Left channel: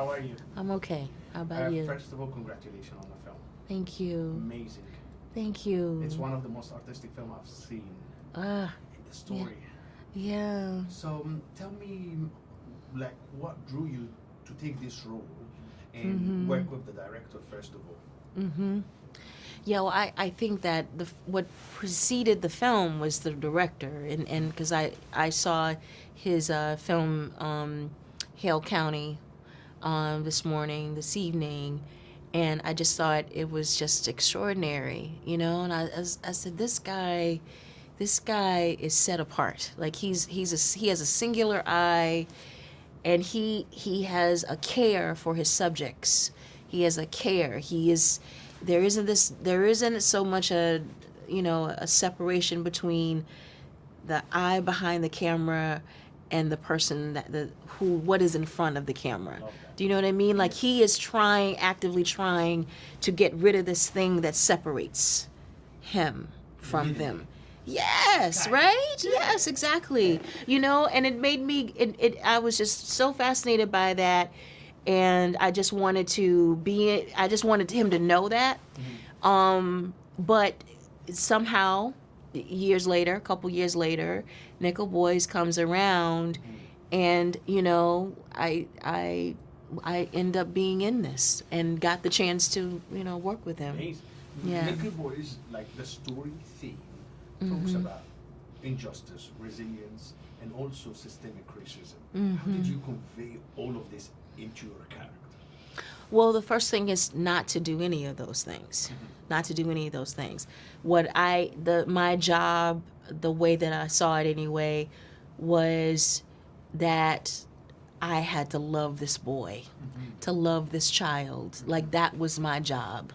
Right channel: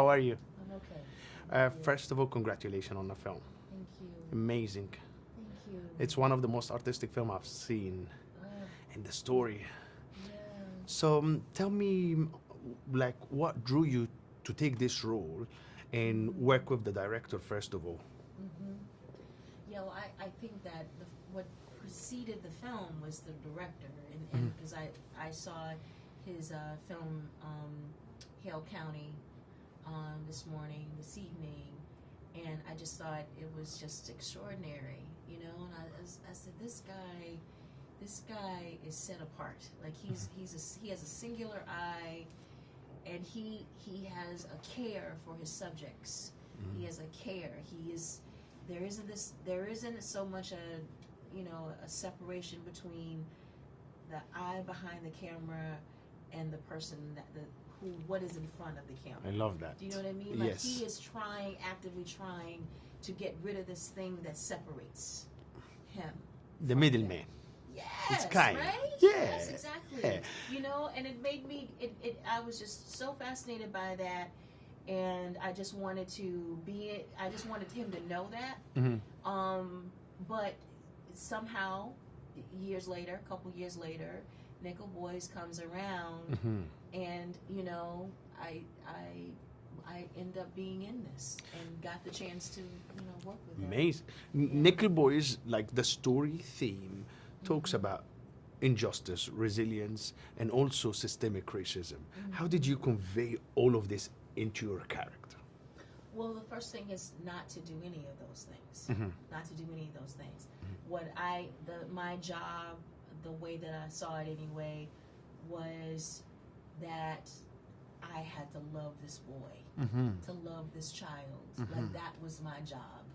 How are you? I'm okay. How about you? First of all, congratulations on the film. Thank you. Amazing. Thank you. It's one of the most artistic film I've seen. And the story. Yeah. So tell me, like, what drew you to take this role and work with the director first of all? Yeah, well, I think that what preceded the film was the director, and because I saw his film Hale County this evening, and I just thought it was just extraordinary, you know. And I said, this guy is set apart. Like he has a singular eye, and he has a care for his subjects. He has a care. There isn't so much a separation between the eye behind the camera and the person what is in front of the camera. I love that. Do you know what I mean? Like Yes. he is actively trying to get rid of this thing that separates him from them. middleman. Yes, It's kind. right? Yeah. Yes, exactly. You know, and it made me I was just so fascinated by that, and I just wanted him to know that. But somehow a couple years later, Nickel Boys comes around, and I end up being in this and got the chance to work with him. Amazing. Yeah. Nickel Boys, like the story theme, talks about injustice, resilience, and also systemic racism. How did you convey all of this into your character? Well, the first thing is not to do any of those things. Not to do any of those things. My job, the way that I saw it anyway, was that I had to love this boy, to love this child. Like that was my job.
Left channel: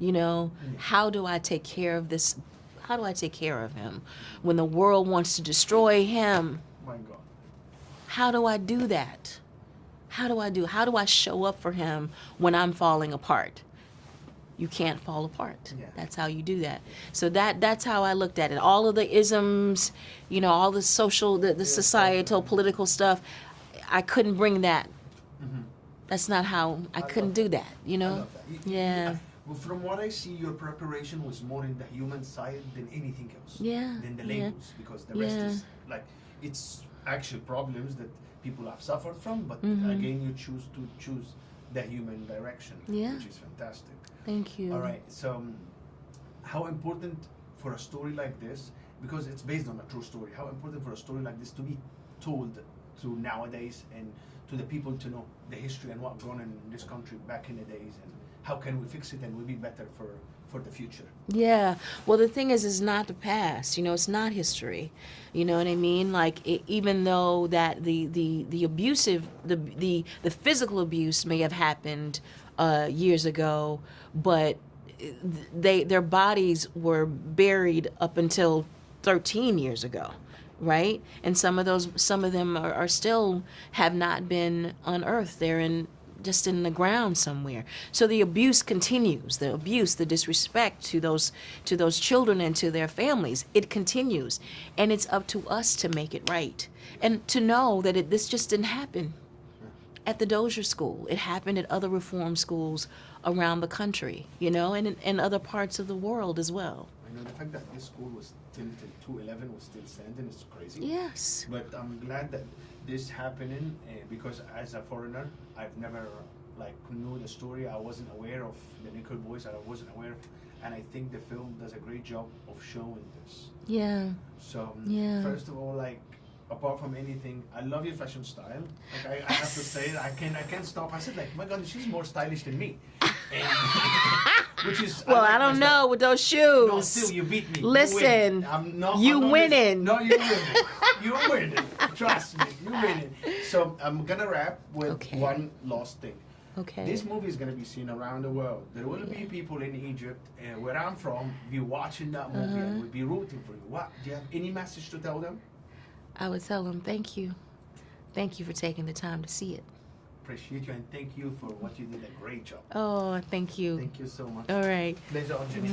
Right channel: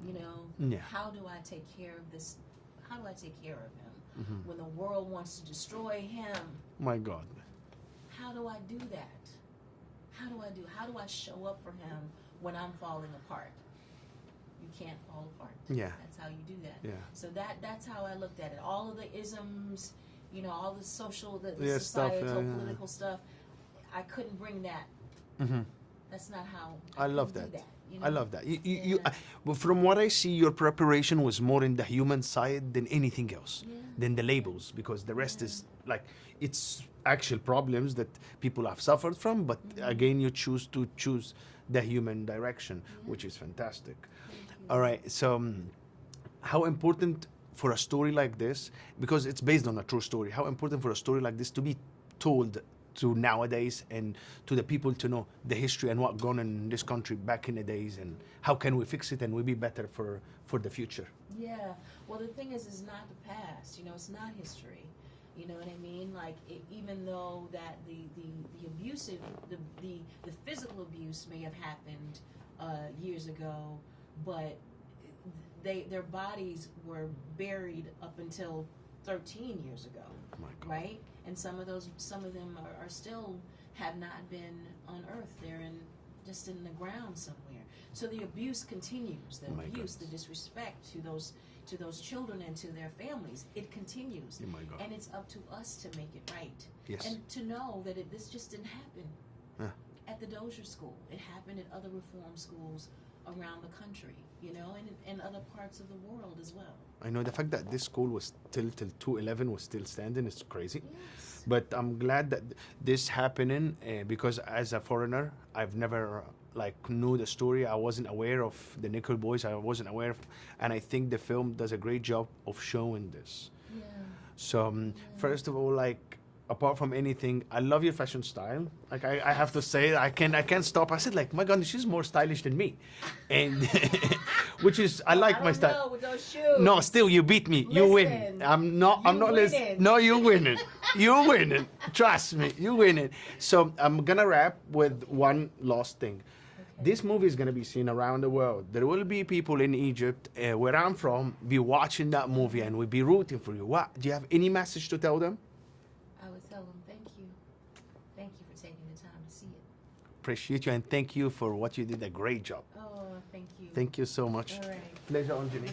You know, how do I take care of this? How do I take care of him when the world wants to destroy him? My God. How do I do that? How do I show up for him when I'm falling apart? You can't fall apart. Yeah. That's how you do that. Yeah. So that's how I looked at it. All of the isms, all the social, the societal, political stuff, I couldn't bring that. That's not how, I couldn't do that, I love that. Yeah. Well, from what I see, your preparation was more in the human side than anything else. Yeah. Than the Yeah. labels, because the rest Yeah. is like, it's actual problems that people have suffered from, but again, you choose the human direction, Yeah. which is fantastic. Thank you. All right, so how important for a story like this, because it's based on a true story, how important for a story like this to be told to nowadays and to the people to know the history and what gone in this country back in the days, and how can we fix it and we be better for the future? Yeah. Well, the thing is, it's not the past. It's not history. You know what I mean? Like, even though that the abusive, the physical abuse may have happened years ago, but their bodies were buried up until 13 years ago, right? And some of them are still have not been unearthed. They're just in the ground somewhere. So the abuse continues. The abuse, the disrespect to those children and to their families, it continues. And it's up to us to make it right. Yes. And to know that this just didn't happen at the Dozier School. It happened at other reform schools around the country, and in other parts of the world as well. I know the fact that this school was till 2011 was still standing is crazy. Yes. But I'm glad that this happening because as a foreigner, I've never knew the story. I wasn't aware of the Nickel Boys. I wasn't aware of, and I think the film does a great job of showing this. Yeah. So Yeah. first of all, apart from anything, I love your fashion style. I have to say, I can't stop. I said my God, she's more stylish than me, and which is Well, I like I my don't style. know with those shoes. No, still you beat me. Listen, you win. I'm not winning. No, you're winning. You're winning. Trust me, you're winning. So I'm gonna wrap with one last thing. Okay. This movie is gonna be seen around the world. There will be people in Egypt, where I'm from, be watching that movie and will be rooting for you. What? Do you have any message to tell them? I would tell them, thank you. Thank you for taking the time to see it. Appreciate you, and thank you for what you did. A great job. Oh, thank you. Thank you so much. All right. Pleasure, Aunjanue.